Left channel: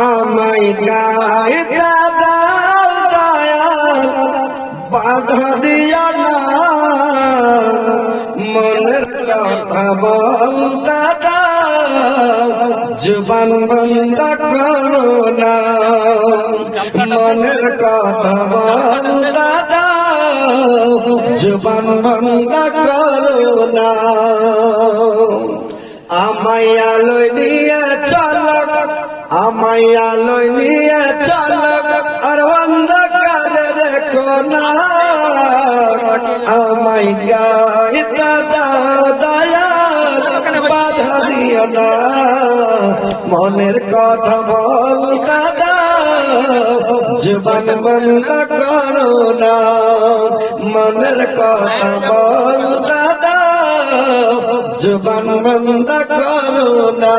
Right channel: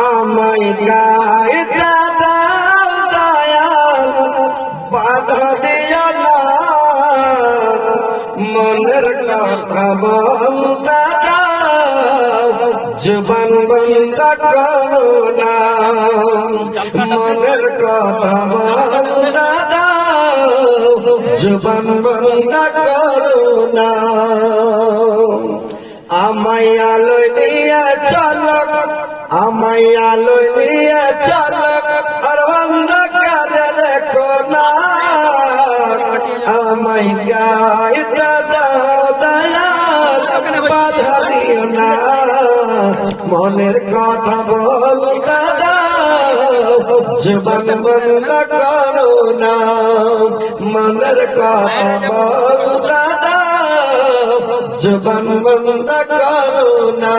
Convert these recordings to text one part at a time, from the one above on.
আমায় গাইতে বাধা দিয়া না মনের কথা বল দাদা জীবন বন্ধ করো না মনের কথা বল দাদা জীবন বন্ধ করো না আমায় আলোয় নিয়ে চলো আমায় আলোয় নিয়ে চলো অন্ধকারে রেখো না আমায় গাইতে দয়া বাধা দিও না মনের কথা বল দাদা জীবন বন্ধ করো না মনের কথা বল দাদা জীবন বন্ধ করো না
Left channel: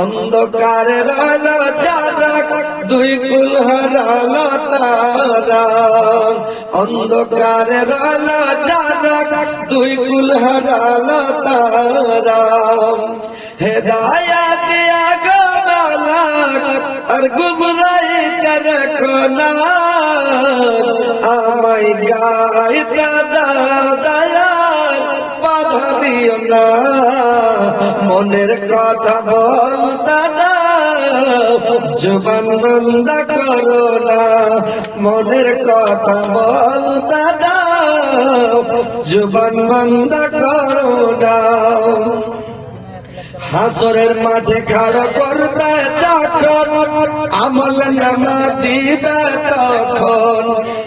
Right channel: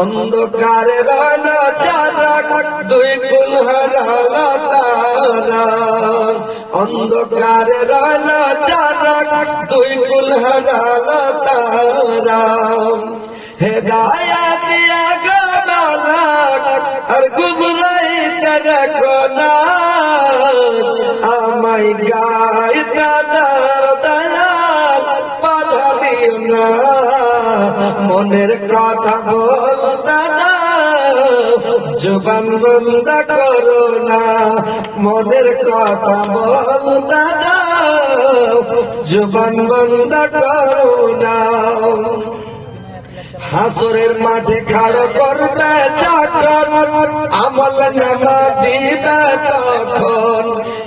অন্ধকারে রালা যারা দুই কুল হারালা তারা অন্ধকারে রালা যারা দুই কুল হারালা তারা হেদায়েত দিয়া গাবালা আর গুমরাহি তারা কোনা আমায় গাইতে দয়াল বাধা দিও না মনের কথা বল দাদা জীবন বন্ধ করো না মনের কথা বল দাদা জীবন বন্ধ করো না হাসরের মাঠে খাড়া করবে তখন আমল নামা দিবে তখন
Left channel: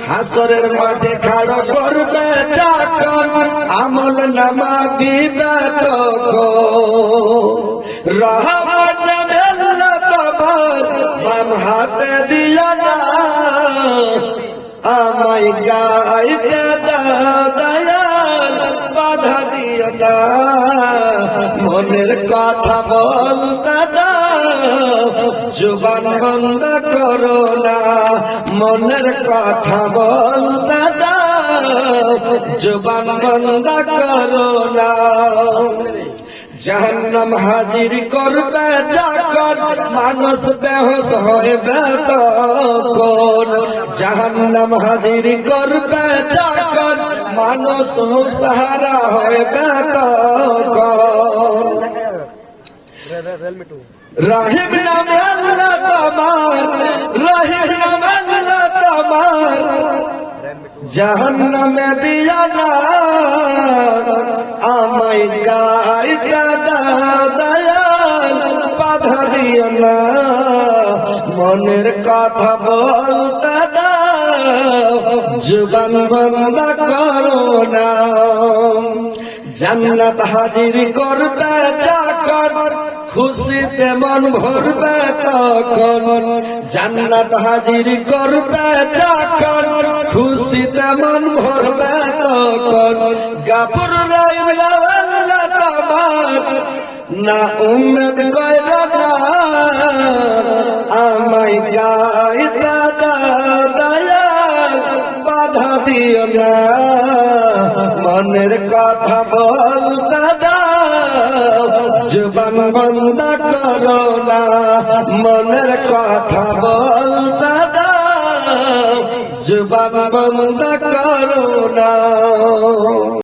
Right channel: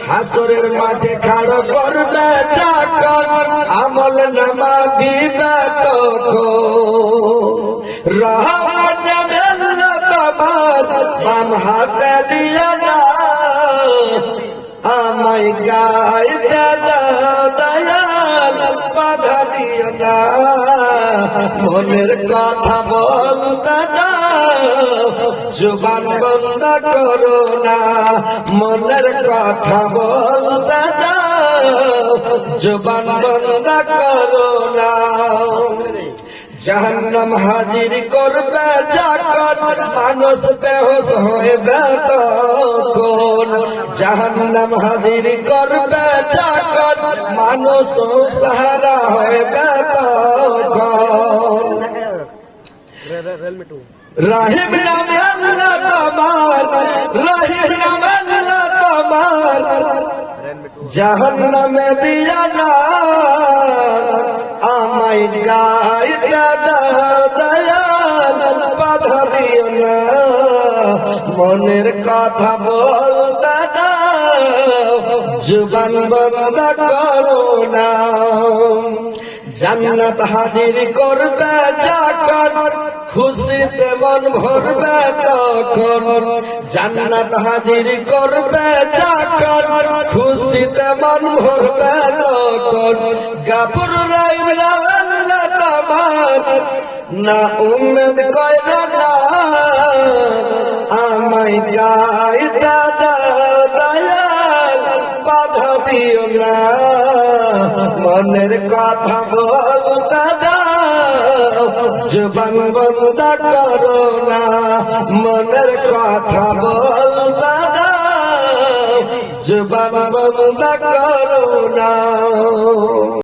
হাসরের মাঠে খাড়া করবে তখন আমল নামা দিবে তখন রহমত আল্লাহ তোমার বাম হাতে দিয়ে না আমায় গাইতে দয়াল বাধা দিও না মনের কথা বল দাদা জুবান বন্ধ করো না মনের কথা বল দাদা জুবান বন্ধ করো না জাহান্নাম হাজির করবে যখন মানুষ বেহোশ হইবে তখন জাহান্নাম হাজির করবে যখন মানুষ মুসহারা হইবে তখন রহিম নামে আল্লাহ তোমার রহিম নামে আল্লাহ তোমার জাহান্নামে দিও না আমায় গাইতে দয়াল বাধা দিও না মনের কথা বল দাদা জীবন বন্ধ করো না জান্নাত হাজির করবে যখন খুশিতে মন ভরবে তখন জান্নাত হাজির করবে যখন খুশিতে মন ভরবে তখন গাফর রহিম আল্লাহ তোমার না উন্নত করো না আমায় গাইতে দয়াল বাধা দিও না মনের কথা বল দাদা জীবন বন্ধ করো না মনের কথা বল দাদা জীবন বন্ধ করো না